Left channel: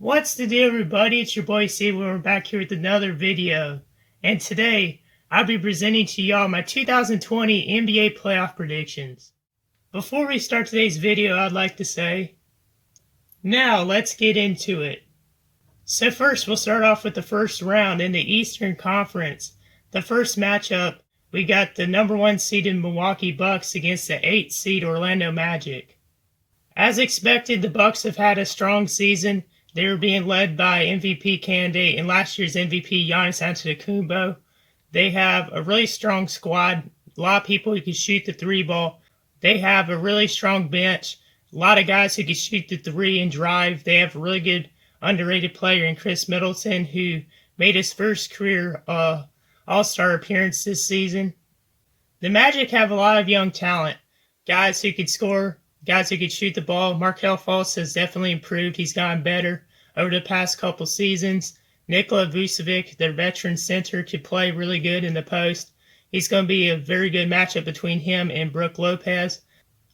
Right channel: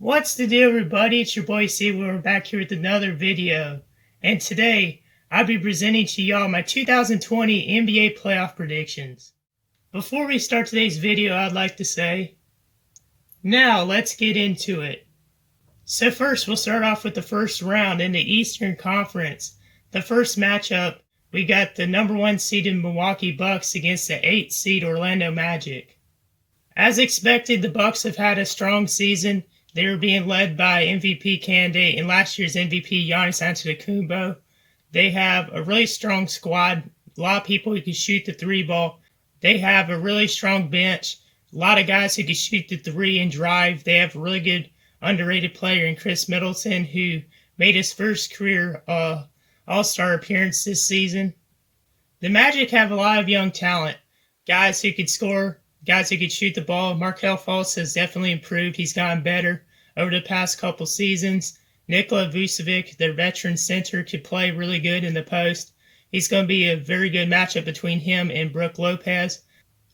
What's the deal, everybody? It's your boy C. We're back here with another video. And today, I'll be presenting to y'all my 2020 NBA playoff predictions. Before we start today's video, I'd like to say, now let's get into it. So first, we'll start off with the first round in the Eastern Conference. The first matchup, we got the number 1 seeded Milwaukee Bucks against the 8th seed Orlando Magic. As expected, the Bucks have had a strong season. They were being led by MVP candidate and last year's MVP Giannis Antetokounmpo. They have a really strong squad, a lot of people who can shoot the three ball. They have a really strong bench, a lot of guys who can shoot the three and drive. They have a really good underrated player in Chris Middleton, who made his first career All-Star appearance this season. The Magic have a lot of young talent, guys who could score, guys who could shoot the ball. Markelle Fultz has definitely improved. He's gotten better over the past couple seasons. Nikola Vucevic, their veteran center, could play really good in the post. He's going to be a very good matchup between him and Brook Lopez.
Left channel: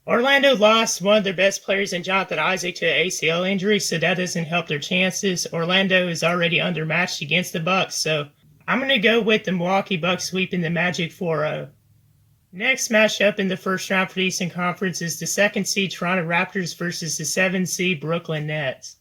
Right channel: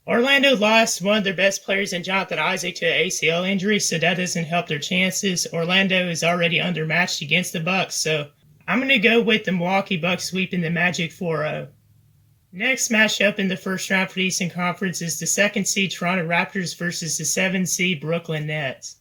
Orlando lost one of their best players in Jonathan Isaac to an ACL injury, so that doesn't help their chances. Orlando is already undermatched against the Bucks, so I'm going to go with the Milwaukee Bucks sweeping the Magic 4-0. Next matchup in the first round for the Eastern Conference is the 2nd seed Toronto Raptors versus the 7th seed Brooklyn Nets.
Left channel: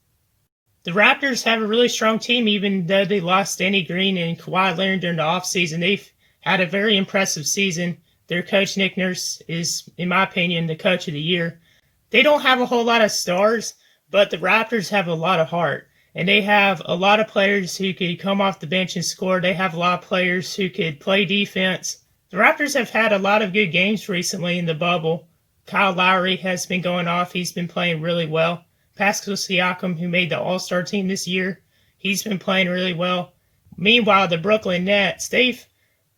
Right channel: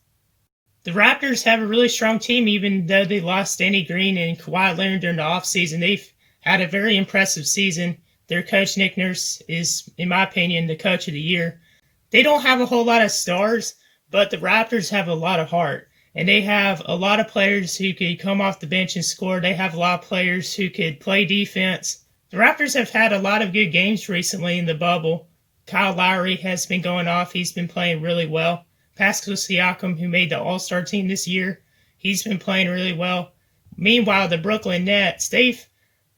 The Raptors have a really strong team, even though they lost Danny Green and Kawhi Leonard during the offseason. They've had a very impressive season. Their coach, Nick Nurse, is, in my opinion, the coach of the year. They don't have a whole lot of stars, but the Raptors have a lot of heart. And they have a lot of players who could come off the bench and score. They have a lot of players who could play defense. The Raptors have had a lot of good games recently in the bubble. Kyle Lowry has been going off. He's been playing really well. Pascal Siakam, who made the All-Star team this year, he's been playing really well. Meanwhile, the Brooklyn Nets, they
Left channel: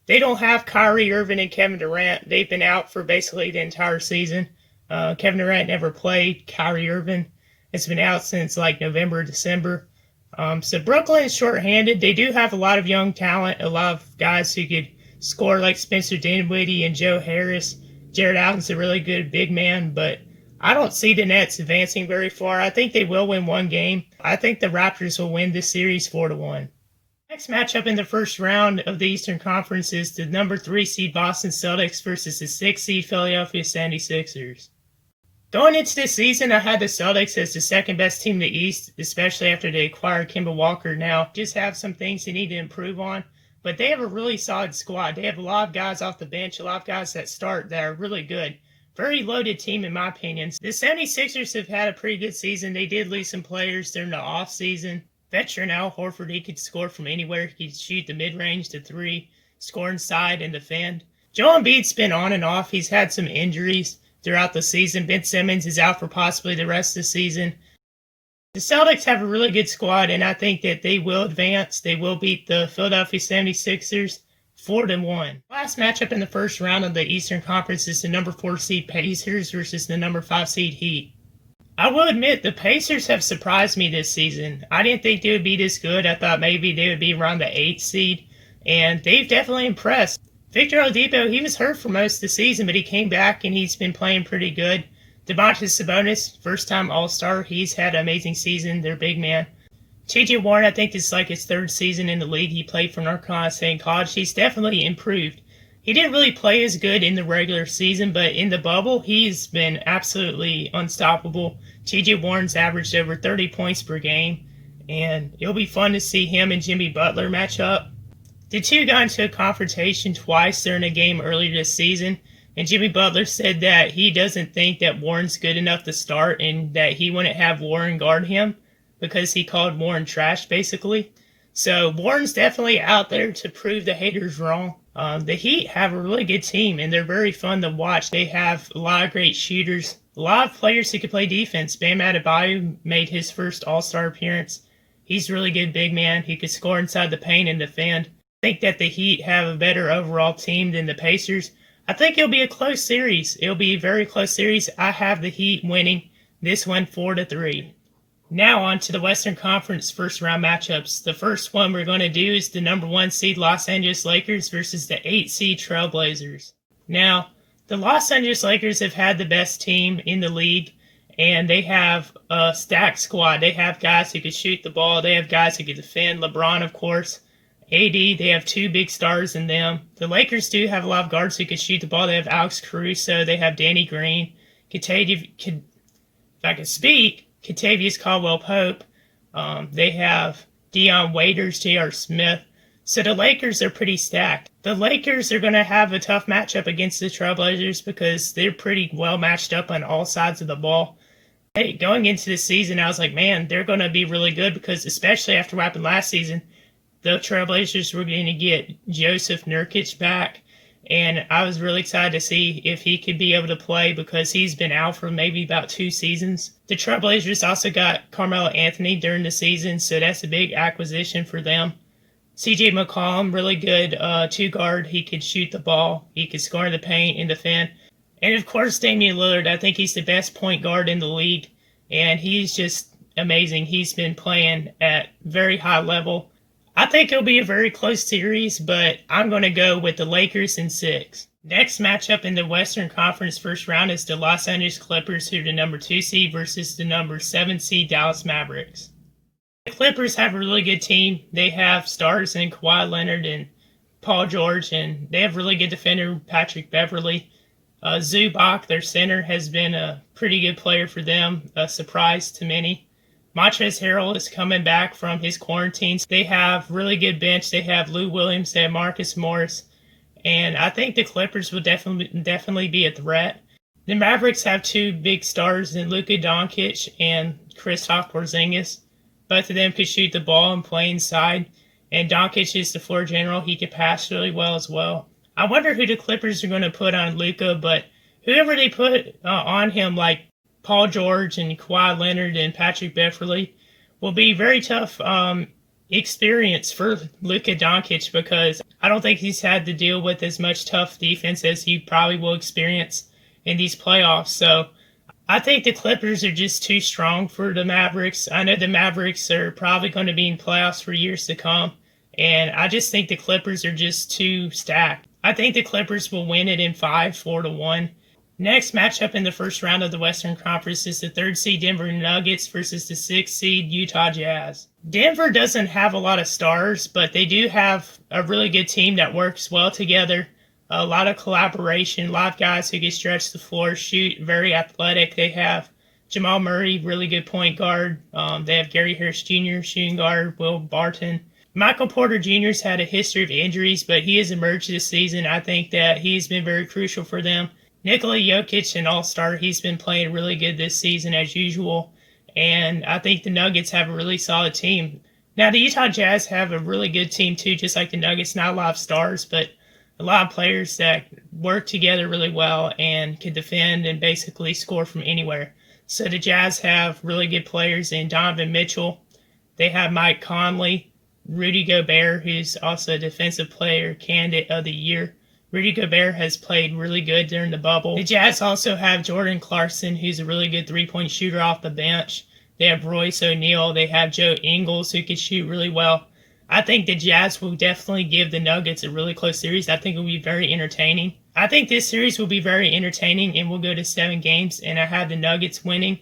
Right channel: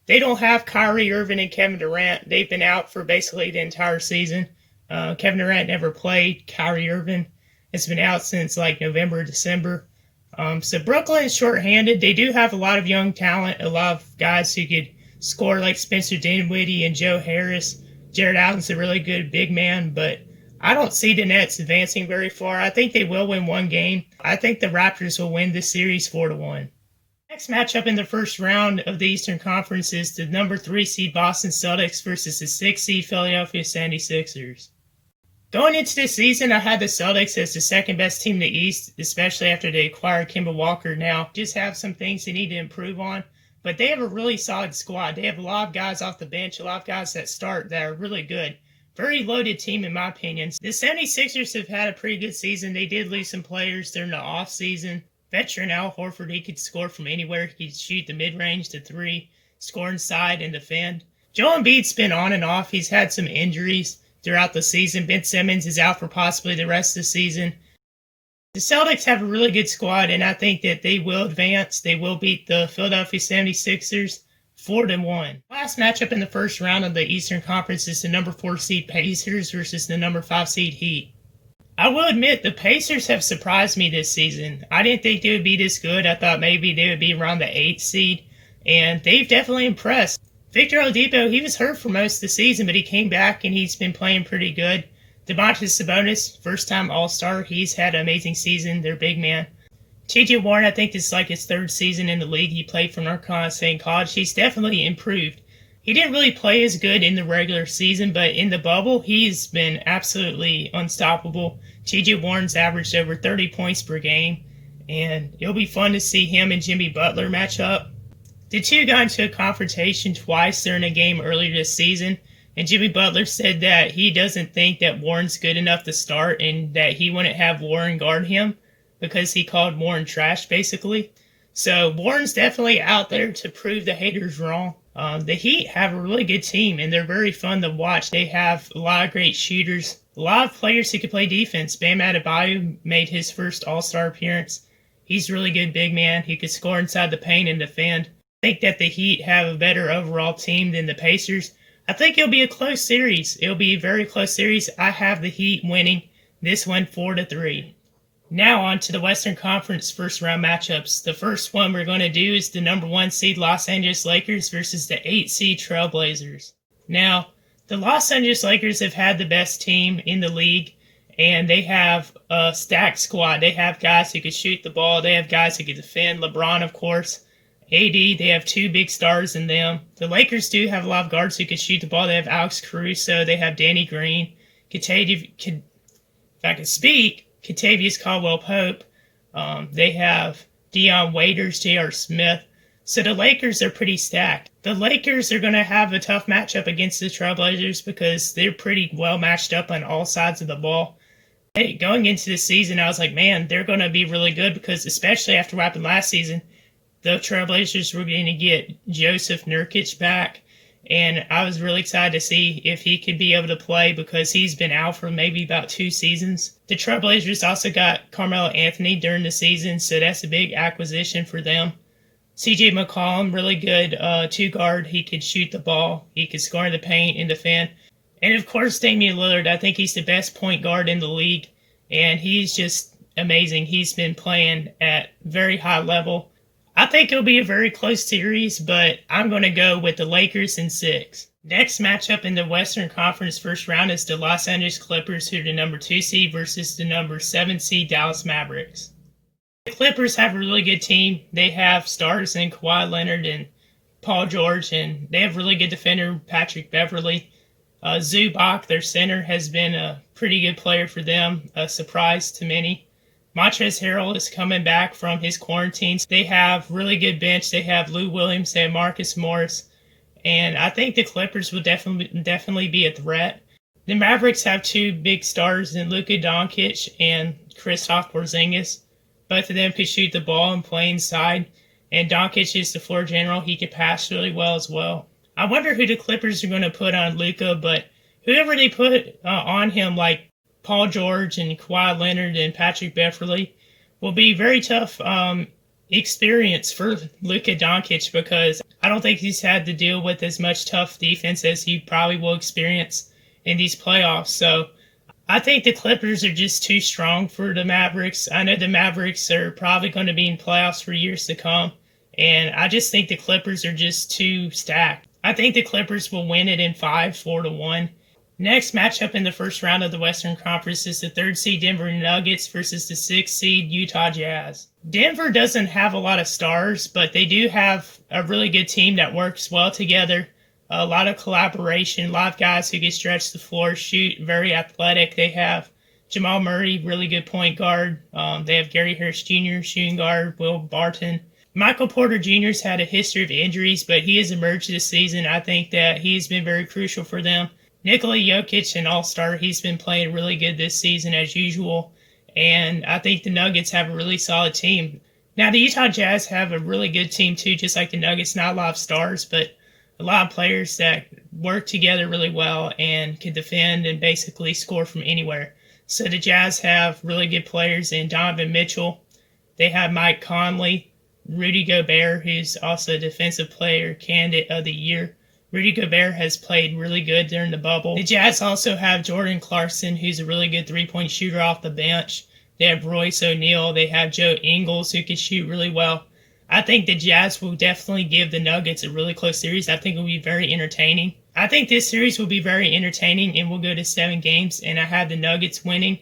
don't have Kyrie Irving and Kevin Durant. They've been out for basically the entire season. Kevin Durant never played. Kyrie Irving has been out since like November, December. So Brooklyn is shorthanded. They do have a lot of young talent, a lot of guys who could score like Spencer Dinwiddie and Joe Harris. Jared Allen's a really good big man, but I don't see the Nets advancing very far. I think they will win one game. I think the Raptors will win this series 4-1. Next matchup in the first round of the Eastern Conference is the number 3 seed Boston Celtics versus the 6th seed Philadelphia 76ers. Going into this season, I had the Celtics as the second best team in the East, especially after they acquired Kemba Walker. Now, just have some things they need to improve on. But they have a really solid squad. They have a lot of guys off the bench, a lot of guys that start that are really good. Very loaded team, in my opinion. The 76ers have had a pretty good season. They did lose some players during the offseason. Veteran Al Horford, he could score from anywhere. He could shoot the mid-range to 3, score inside and defend. Joel Embiid's been on and off. He's had some injuries throughout the season. Ben Simmons is out for possibly the rest of the season. The Celtics have a really good squad, and I think that they will advance. They will beat the Philadelphia 76ers 4-1. Last matchup in the first round of the Eastern Conference is the number 4 seed Pacers versus the number 5 seed Heat. I will admit, the Pacers have surprised me this season. I didn't think they would be this good. I thought maybe they would be around the 8th seed, and they've definitely impressed. Victor Oladipo, he was hurt for most of the season, but he came back and he's been playing pretty good. Domantas Sabonis, first-time All-Star. He's had an amazing season. They're big man. T.J. Warren, I think this is like his 3rd season in the league. He played for North Carolina State College. He's definitely improved. He didn't really play as good in the regular season, but in the bubble, he's been absolutely unstoppable. T.J. Warren's averaged over 30 points per game, and it'll be fun to see him and Jimmy Butler match up. The two got into a confrontation twice during a game earlier this season, and Jimmy Butler said that he doesn't think that Warren's good enough to start and that he wouldn't have Warren guard him because he called Warren trash, basically. So Warren's definitely out there to prove the haters wrong. The Heat have a really good team, and they're very fun to watch. They have a lot of great shooters, a lot of players who can play defense. Bam Adebayo made his first All-Star appearance. He's a really good big man. He could score inside the paint and defend. I think that the Heat have a better overall team than the Pacers. I think it'll be a close series. It'll be a very close series. I have the Heat winning this one 4-3. Now on to the Western Conference first round matchups. The first one we're going to do is the number 1 seed Los Angeles Lakers versus the 8 seed Trailblazers. Now, the Los Angeles Lakers have had the best team in the league, and they have a stacked squad. They have guys who can shoot the ball. They have guys who can defend. LeBron, of course. AD, they have two big stars in them. The Lakers do have a lot of guards who can shoot the ball. They have Alex Caruso. They have Danny Green. If I can speak, Kentavious Caldwell-Pope. They have Dion Waiters, J.R. Smith. So the Lakers are pretty stacked. The Lakers are going to have a tough matchup against the Trailblazers because they're pretty well matched up on all sides of the ball. Hey, going into the season, I was like, man, they're going to be really good because especially after what happened last season, the Trailblazers were going to get Joseph Nurkic back. And I was really excited to see if he could be able to play because he's been out for maybe about 2 seasons. The Trailblazers also got Carmelo Anthony during the season, so that's a big acquisition for them. CJ McCollum, really good 2-guard. He could shoot the ball. He could score in the paint and defend. And of course, Damian Lillard, I think he's the best point guard in the league. And he's just amazing. He's been playing at very high level. I think it'll be a very close series, but I'm going to go with the Lakers in 6. Next matchup in the Western Conference first round is the Los Angeles Clippers, who are the number 2 seed, versus the number 7 seed Dallas Mavericks. The Clippers have a really good team. They have stars in Kawhi Leonard and Paul George, and they have really good defender Patrick Beverley. Zubac, their center, has been a pretty good player for them, a surprise to many. Montrezl Harrell is coming back from his quarantines. They have really good bench. They have Lou Williams, they have Marcus Morris, and I think the Clippers will definitely be a threat. The Mavericks have 2 big stars in Luka Doncic and Kristaps Porzingis. Both of them could shoot the ball and play inside, and Doncic is the floor general. He can pass really well as well. I wonder who the Clippers are going to put on Luka, but whoever they put on him, like Paul George and Kawhi Leonard and Patrick Beverley, will be very tough experience for Luka Doncic because I don't think he's had to deal with as much tough defense as he probably will experience in these playoffs. So I think the Clippers are just too strong for the Mavericks. I know the Mavericks are probably going to be in playoffs for years to come, and I just think the Clippers are just too stacked. I think the Clippers will win it in 5, 4-1. Next matchup in the first round of the Western Conference is the 3rd seed Denver Nuggets versus the 6th seed Utah Jazz. Denver doesn't have a lot of stars, but they do have a really good team that works well together. A lot of collaboration, a lot of guys who can stretch the floor, shoot, very athletic. They have Jamal Murray, really good point guard. They have Gary Harris Jr., shooting guard, Will Barton. Michael Porter Jr. has had a history of injuries, but he has emerged this season. I think that he's been very crucial for them. Nikola Jokic, an all-star, he's been playing really good this season as usual, and I think the Nuggets have a really solid team. Now, the Utah Jazz have a really good team too, just like the Nuggets. Not a lot of stars, but a lot of players that work together really well and can defend and basically score from anywhere. So the Jazz have really good players in Donovan Mitchell. They have Mike Conley, Rudy Gobert, who's also a defensive player candidate of the year. Rudy Gobert has played really good during the bubble. The Jazz also have Jordan Clarkson, who's a really good 3-point shooter off the bench. They have Royce O'Neal. They have Joe Ingles, who can shoot really well. I think the Jazz will definitely give the Nuggets a really close series. I think it will be very entertaining. I think this series will be very entertaining and will go to 7 games, and I have the Nuggets winning.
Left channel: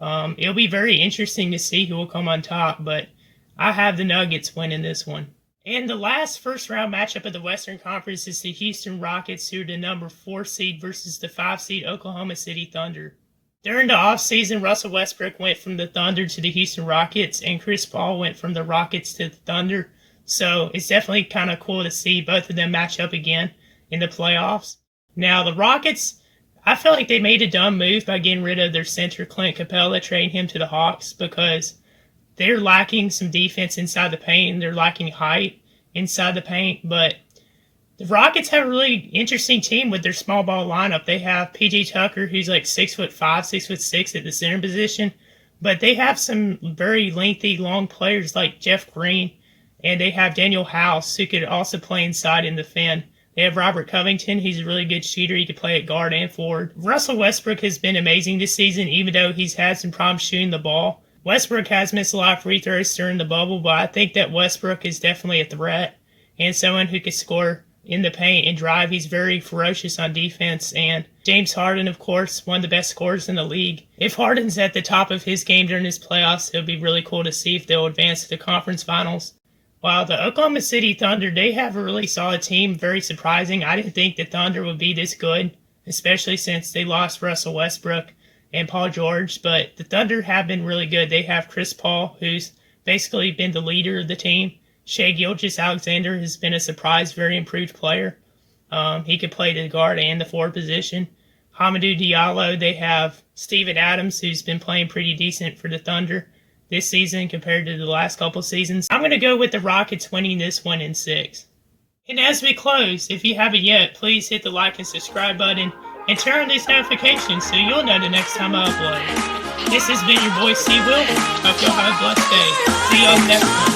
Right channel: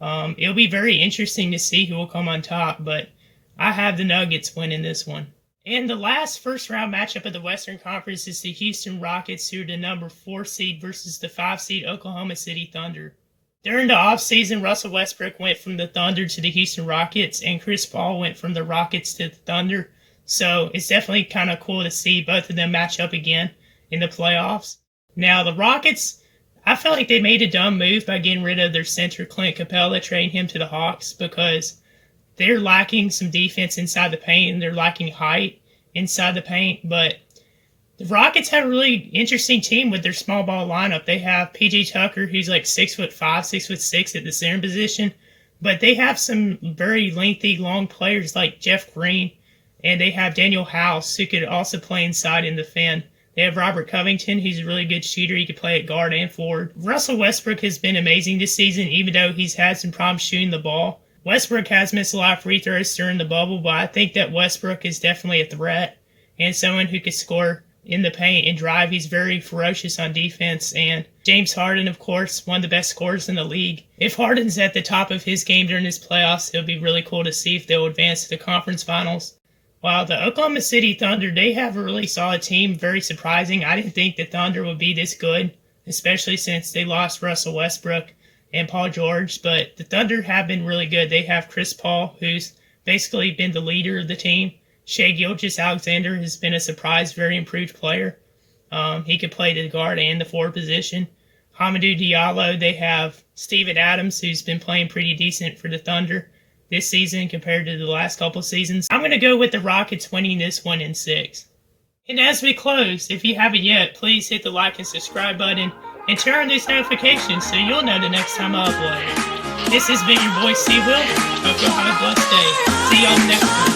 It'll be very interesting to see who will come on top, but I have the Nuggets winning this one. And the last first-round matchup of the Western Conference is the Houston Rockets, who are the number 4 seed, versus the 5 seed Oklahoma City Thunder. During the offseason, Russell Westbrook went from the Thunder to the Houston Rockets, and Chris Paul went from the Rockets to the Thunder. So it's definitely kind of cool to see both of them match up again in the playoffs. Now, the Rockets, I feel like they made a dumb move by getting rid of their center, Clint Capella, trading him to the Hawks, because they're lacking some defense inside the paint, and they're lacking height inside the paint. But the Rockets have a really interesting team with their small ball lineup. They have P.J. Tucker, who's like 6'5", 6'6" at the center position. But they have some very lengthy, long players like Jeff Green. And they have Daniel House, who could also play inside and defend. They have Robert Covington, who's a really good shooter. He can play at guard and forward. Russell Westbrook has been amazing this season, even though he's had some problems shooting the ball. Westbrook has missed a lot of free throws during the bubble, but I think that Westbrook is definitely a threat and someone who can score in the paint and drive. He's very ferocious on defense, and James Harden, of course, one of the best scorers in the league. If Harden's at the top of his game during his playoffs, it would be really cool to see if they'll advance to the conference finals. While the Oklahoma City Thunder, they have a really solid team, very surprising. I didn't think the Thunder would be this good, especially since they lost Russell Westbrook and Paul George, but the Thunder have been really good. They have Chris Paul, who's basically been the leader of the team. Shai Gilgeous-Alexander has been a surprise, very improved player. He could play the guard and the forward position. Hamidou Diallo, they have Steven Adams, who's been playing pretty decent for the Thunder this season compared to the last couple seasons. I'm going to go with the Rockets winning this one in 6. And as we close, if you haven't yet, please hit the like and subscribe button and turn on these notifications so you'll know the next time I upload. This has been your boy C-Will. Hope y'all have a blessed day. See y'all next time.